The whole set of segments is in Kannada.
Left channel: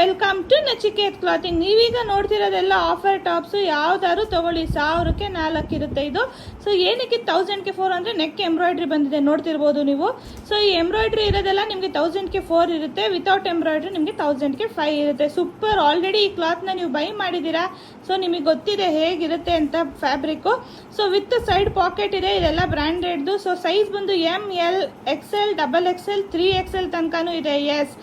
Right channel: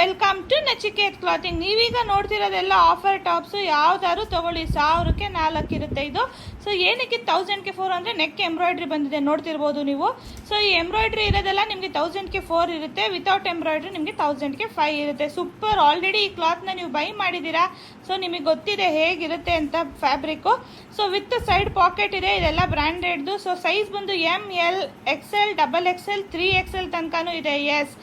Welcome to Nachiket clothing. ನೀವೀಗ ನೋಡ್ತಿರೋದೆಲ್ಲ ಆಫರ್ ಟಾಪ್ಸು. ಯಾವ್ದಾದ್ರು ತಗೊಳ್ಳಿ, 1000ಕ್ಕೆ 4 ಇರುತ್ತೆ ಇದು. ಸೊ ಏನಕ್ಕೆ 1000ಕ್ಕೆ 4 ಅಂದರೆ ನೆಕ್ ಎಂಬ್ರಾಯ್ಡ್ರಿ ಬಂದಿದೆ, ನೋಡ್ತಿರ್ಬೋದು ನೀವು. ಸೊ ಈ ಎಂಬ್ರಾಯ್ಡ್ರಿ ಇರೋದೆಲ್ಲ ನಿಮಗೆ 1000ಕ್ಕೆ 4 ಇರುತ್ತೆ. ವಿತೌಟ್ ಎಂಬ್ರಾಯ್ಡ್ರಿ ನಿಮಗೆ 1000ಕ್ಕೆ 5 ಇರುತ್ತೆ. ಸೂಪರ್. ಆಲ್ರೆಡಿ ಈ ಕ್ಲಾತ್ನ ನೀವು ಬೈ ಮಾಡಿದ್ದೀರಾ, ಸೊ ನಿಮಗೆ ಗೊತ್ತಿದೆ ಹೇಗಿರುತ್ತೆ ಅಂತ fabric. So with side packet ಇದೆ, ಇದೆಲ್ಲ ಬ್ರ್ಯಾಂಡೆಡ್ದು. ಸೊ ಸೈಜ್ ಬಂದು ML, XL, XXL, 3XL ತನಕನೂ ಇದೆ. S,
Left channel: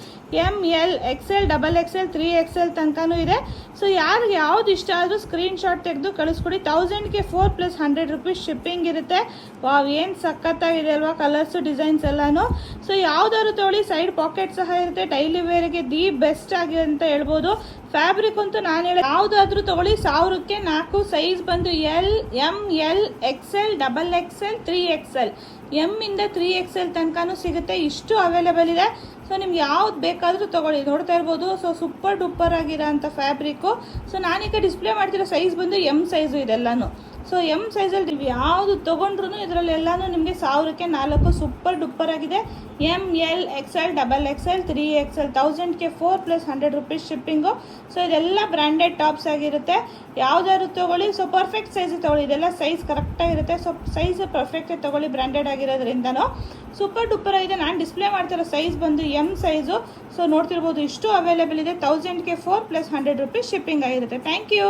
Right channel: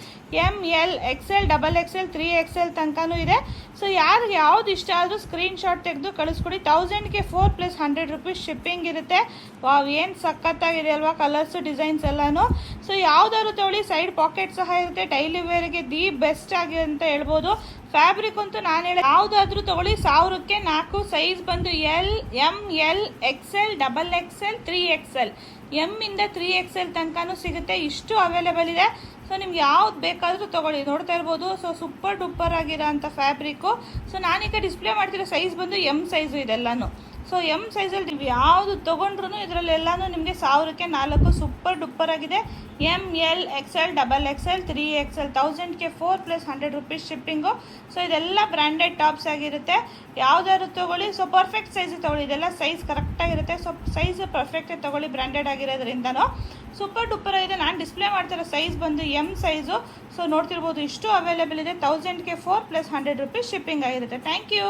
ML, XL, XXL, 3XL ತನಕನೂ ಇದೆ. ಸೊ ಯಾರಿಗೆ ಯಾವ್ದು ಇಷ್ಟ ಆದರೂ ಸ್ಕ್ರೀನ್ ಶಾಟ್ ತೆಗೆದು ಕಳಿಸ್ಕೊಡಿ. 1000ಕ್ಕೆ 4 ಪ್ಲಸ್ 100 ರುಪೀಸ್ ಶಿಪ್ಪಿಂಗ್ ಇರುತ್ತೆ. ವಾವ್, ಏನು ಸಖತ್ತಾಗಿದೆ ಅಲ್ವಾ ಕಲರ್ಸು ಡಿಸೈನ್ಸ್ ಎಲ್ಲಾನು. ಸೊ ಯಾವ್ದಾದ್ರು ತೊಗೊಳ್ಳಿ, ಸೈಡ್ ಪಾಕೆಟ್ ಸಹ ಇರುತ್ತೆ. ಡೈಲಿ ವೇರ್ಗೆ ದಿ ಬೆಸ್ಟ್ ಆಗಿ ಅಂತ ಹೇಳ್ಬೋದು. ಫ್ಯಾಬ್ರಿಕ್ ಅಂತೂ ನಾನು ಹೇಳಿ ಯಾವುದಾದ್ರೂ ತೊಗೊಳ್ಳಿ, 1000ಕ್ಕೆ 4. ಸೈಜ್ ಬಂದು ML, XL, XXL, 3XL. M ಇಂದ 3XL ತನಕನೂ ಸಿಗುತ್ತೆ. ಇಷ್ಟು ಅವೈಲೇಬಲ್ ಇದೆ. ಸೊ ನಿಮ್ಗೆ ಯಾವ್ದು ಬೇಕಾದರೂ ತೊಗೊಳ್ಳಿ, ನೋಡ್ತಾ ಇರ್ಬೋದು. ಸೊ ಸೂಪರ್ ಡೂಪರ್ ಆಗಿರೋ ಅಂಥ ಫ್ಯಾಬ್ರಿಕ್ಕು. ಸೊ ನಾನೀಗ ಡಿಸ್ಪ್ಲೇ ಮಾಡ್ತಿರೋ ಸೈಜ್ ಬಂದು M ಸೈಜು ಇದೆಲ್ಲನೂ. ಸೊ M ಸೈಜಲ್ಲಿ ನೀವು ಯಾವುದು ತೊಗೊಂಡ್ರು ಇದರಲ್ಲೆಲ್ಲನೂ ನಿಮಗೆ 1000ಕ್ಕೆ 4 ಸೂಪರ್ ಡೂಪರ್ ಆಗಿದೆ. ML, XL, XXL, 3XL. 1000ಕ್ಕೆ 4 plus 100 rupees shipping. So ಇದೆಲ್ಲ ಬ್ರ್ಯಾಂಡೆಡ್ ಟಾಪ್ಸ್ ಆಗಿರುತ್ತೆ. ಯಾವ್ದಾದ್ರು ತೊಗೊಳ್ಳಿ. ಸೊ ಪರ್ಫೆಕ್ಟ್ ಸೈಜ್ ತೊಗೊಳ್ಳಿ, ಇದೆಲ್ಲ ಸೈಜ್ ಕರೆಕ್ಟಾಗಿರುತ್ತೆ. ಸೊ ಸೈಜ್ ಪರ್ಫೆಕ್ಟ್ ತೊಗೊಳ್ಳಿ, ಬ್ರ್ಯಾಂಡೆಡ್ ಆಗಿರೋದ್ರಿಂದನೂ ಸೂಪರ್ ಡೂಪರ್ ಆಗಿದೆ. ನಾನು ಡಿಸ್ಪ್ಲೇ ಮಾಡ್ತಿರೋ ಸೈಜ್ ಬಂದು M ಸೈಜು. ಸೊ ನೋಡ್ತಿರ್ಬೋದು, ಇಷ್ಟು ಅವೈಲೇಬಲ್ ಇದೆ. 1000ಕ್ಕೆ 4 ಪ್ಲಸ್ 100 ರುಪೀಸ್ ಶಿಪ್ಪಿಂಗ್ ಆಗಿರುತ್ತೆ. Thank you.